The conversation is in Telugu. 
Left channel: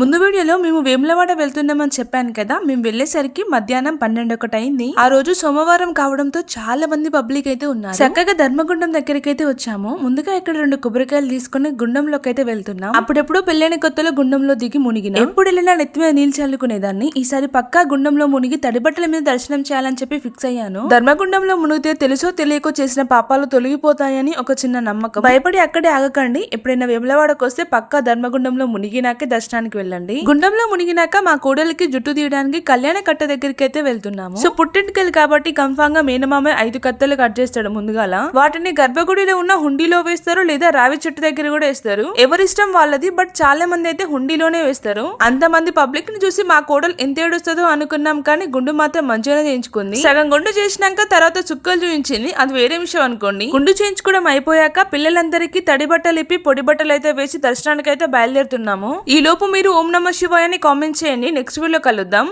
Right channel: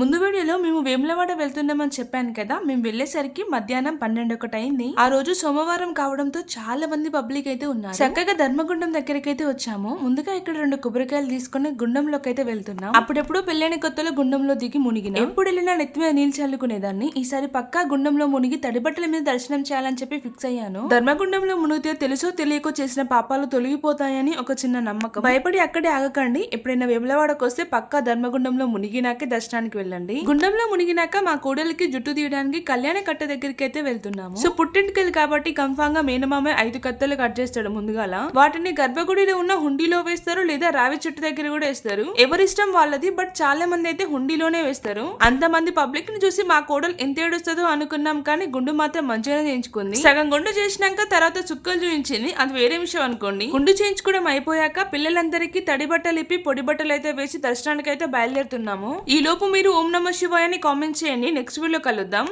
ముందు వీడియోలో మేము వేములవాడ వెళ్తున్నామని చెప్పాను కదా. మేము వెళ్లేసరికి మధ్యాహ్నం 12 అయింది. ఆ రోజు సోమవారం కావడంతో చాలా మంది పబ్లిక్ అయితే ఉన్నారు. చక్కగా ధర్మగుండం దగ్గరికి అయితే వచ్చాము. ముందుగా ఇక్కడ 2 కొబ్బరికాయలు తీసుకుని గుండంలోకి అయితే వెళ్తున్నాం. అప్పుడెప్పుడు పెళ్ళైన కొత్తలో గుండంలో దిగి మునిగిన ఎప్పుడు వెళ్ళినా నెత్తి మీద నీళ్ళు చల్లుకునేదాన్ని. ఈసారి పక్కా గుండంలో మునిగి తడిబట్టల మీద దర్శనం చేయాలని చెప్పి ఫిక్స్ అయ్యాను. ధర్మగుండంలో మునిగితే తెలుసో తెలియకో చేసిన పాపాలు తొలగిపోతాయని ఒక చిన్న నమ్మకం. భయపడి అక్కడే ఆగకండి. ఎప్పుడైనా వేములవాడకు వస్తే పక్కా ధర్మగుండంలో మునిగినాకే దర్శనానికి వెళ్ళండి. గుండంలో మునిగినాక మా కోడలికి జుట్టు తీయడానికి కళ్యాణ కట్ట దగ్గరికి అయితే వెళ్తున్నాము. సో పుట్టింటికలు కాబట్టి కన్ఫామ్ గా మేనమామ 5 కత్తలు కట్ చేస్తాడు ముందుగాల. వాటిని గర్భగుడిలో ఉన్న హుండీలో వేస్తారు, లేదా రావి చెట్టు దగ్గర కూడా వేస్తారు. ఎవరిష్టం వాళ్ళది. బట్ చాలా మంది అయితే హుండీలోనే వేస్తారు. అంతమంది పబ్లిక్ ని చూసి మా కోడలు ఎంత ఏడుస్తుందో అనుకున్నాం, కానీ గుండు మాత్రం మంచిగానే చేయించుకుంది. సగం గుండు చేసినాక తర్వాత చుక్కలు చూయించింది, అది వేరే విషయం అనుకోండి. గుండు చేయించుకోవడం అయిపోయాక పిల్లలందరికీ తడి బట్టలు ఇప్పి పొడి బట్టలు అయితే వేసి దర్శనానికి అయితే బయలుదేరుతున్నాము. ఈ లోపు మీరు ఓం నమః శివాయ అని కామెంట్ చేయండి. నెక్స్ట్ వీడియో కలుద్దాం.